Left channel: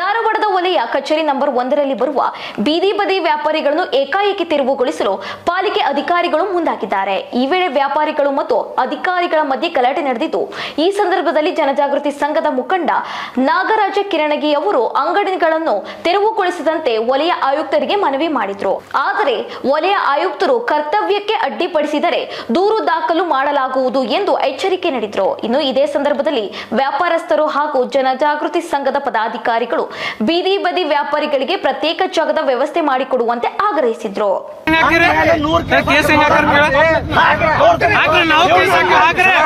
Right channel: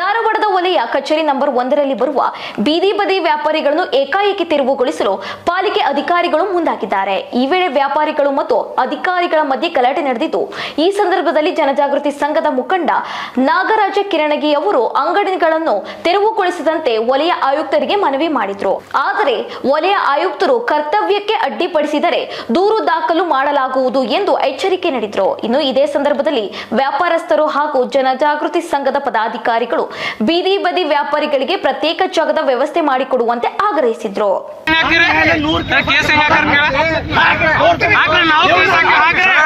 ಧಾರವಾಡದ ವಲಯ ಕಚೇರಿ ನಂಬರ್ ಒಂದರಲ್ಲಿ ಬರುವ ಬೀದಿ ಬದಿ ವ್ಯಾಪಾರಿಗಳನ್ನು ಏಕಾಏಕಿ ತೆರವುಗೊಳಿಸಲು ಪಾಲಿಕೆ ಅಧಿಕಾರಿಗಳು ಮುಂದಾಗಿದ್ದಾರೆ. ಈ ವೇಳೆ ವ್ಯಾಪಾರಿಗಳು ಮತ್ತು ಅಧಿಕಾರಿಗಳ ಮಧ್ಯೆ ಗಲಾಟೆ ನಡೆದಿದ್ದು, ಈ ಸಂದರ್ಭದಲ್ಲಿ ಜನಜಾಗೃತಿ ಸಂಘದ ಮುಖಂಡ ನಾಗರಾಜ ಕಿರಣಗಿ ಅವರು ಅಂಗಡಿಗಳನ್ನು ತೆರವುಗೊಳಿಸದಂತೆ ವಲಯ ಆಯುಕ್ತರಿಗೆ ಮನವಿ ಮಾಡಿದ್ರು. ಆದರೆ ವಲಯ ಆಯುಕ್ತರು ಕರ್ತವ್ಯಕ್ಕೆ ಅಡ್ಡಿಪಡಿಸಿದರೆ ದೂರು ದಾಖಲು ಮಾಡಲಾಗುವುದು ಎಂದು ಎಚ್ಚರಿಕೆ ನೀಡಿದ್ರು. ಇನ್ನು ಇದೇ ಸಂದರ್ಭದಲ್ಲಿ ವ್ಯಾಪಾರಸ್ಥರು ಹಾಗೂ ಜನಜಾಗೃತಿ ಸಂಘದ ಪದಾಧಿಕಾರಿಗಳು ಬೀದಿ ಬದಿ ವ್ಯಾಪಾರಿಗಳಿಗೆ ಪ್ರತ್ಯೇಕ ಜಾಗದ ವ್ಯವಸ್ಥೆ ಮಾಡಿಕೊಡುವಂತೆ ಆಗ್ರಹಿಸಿದ್ರು.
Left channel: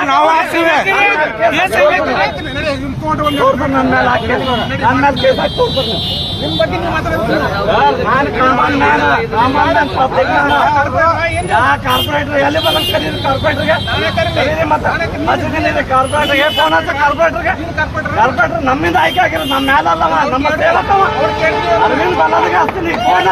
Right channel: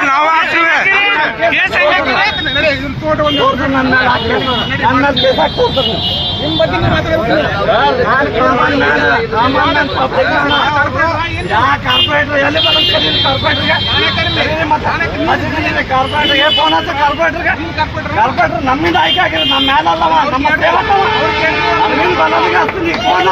ನಾವು ಕಾರ್ಪೊರೇಟರ್ ಎಲ್ಲಿ ಕಾರ್ಪೊರೇಟರ್ಗೆ ಫೋನ್ ಕಾರ್ಪೊರೇಟರ್ ನಮ್ಮಿಂದ ಆಯ್ಕೆ ಆಗಿರೋದು, ನಮ್ಮ ಮೇಲಲ್ಲವ ನಮ್ಮ ಸೇವಕವ ಅರವಿಂದ್ ಬಲ್ಲದಿಗೆ ಹಚ್ತೀನಿ ಫೋನ್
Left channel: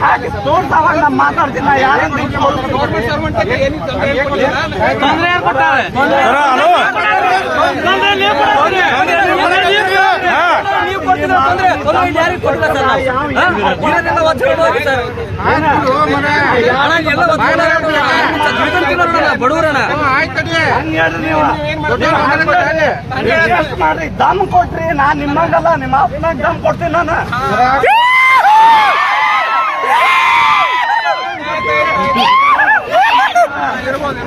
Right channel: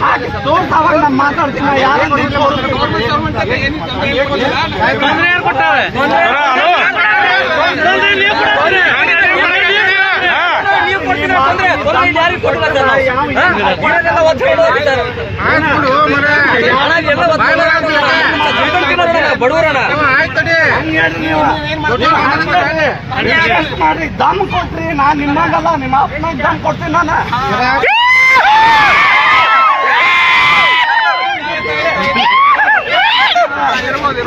ಹಾಕಿ ತೋರ್ಸವಾಗ ನಾ ಮಾತಾಡ್ತೀನಿ ನಾ ಯಾರು ತೊಂದ್ರೆ ಯಾರ್ ಕೊಟ್ಟಾರೆ? ತೊಂದ್ರೆ ನೀವ್ ಕೊಡತ್ತೀರಿ. ನೀವ್ ಕೊಡತ್ತೀರಿ. ನೀವ್ ಕೊಡ್ತೀರಿ ತೊಂದ್ರೆ. ತೊಂದ್ರೆ ಯಾರಿಗ್ ಕೊಡಲ್ಲ ಸರ್ ನಾವು? ಹಾ? ಇವರೆಲ್ಲ ಒದ್ದು ಹೇಳೋದು ಸರ್. ಇವರೆಲ್ಲ ಒದ್ದು ಹೇಳೋದು. ಬಡವರನ್ನ. ಮಾಡ್ರಿ ದಮ್ ಕೊಟ್ರಿ. ನಾ ನಿಮ್ಮಂಗಲ್ಲ ನಿಮ್ಮ ಅಪ್ಪ ದಮ್ ಕೊಡ್ತೀನಿ ನಾನು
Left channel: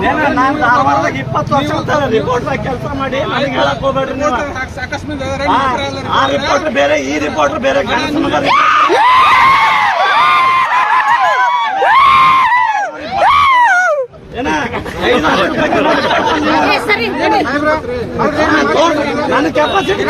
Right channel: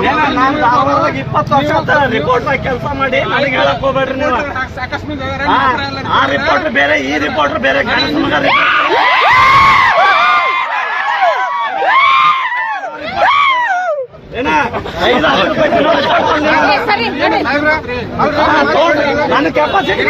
ಏನ ನಾನ್ ಧಾರವಾಡದಾಗ ಇಪ್ಪತ್ತು ವರ್ಷ ಅಂತ ರಿಪೋರ್ಟ್ ಕೆಲಸ ಮಾಡಿ ನನಗೆ ಹೇಳಕ್ ಹೋಗ್ಬೇಡ್ರಿ ನೀವು. ಹಾ, ಆ ರಿಪೋರ್ಟ್ ಬೇರೆ ಈ ರಿಪೋರ್ಟ್ ಬೇರೆ ಗಣೇಶ್ ಮಗ report. ಏನ? ಐದು ಹತ್ತು ರೂಪಾಯಿ ಕಿಲೋ report ಬಂದಿದೆ. ನನ್ನ ಕೆಪಾಸಿಟಿ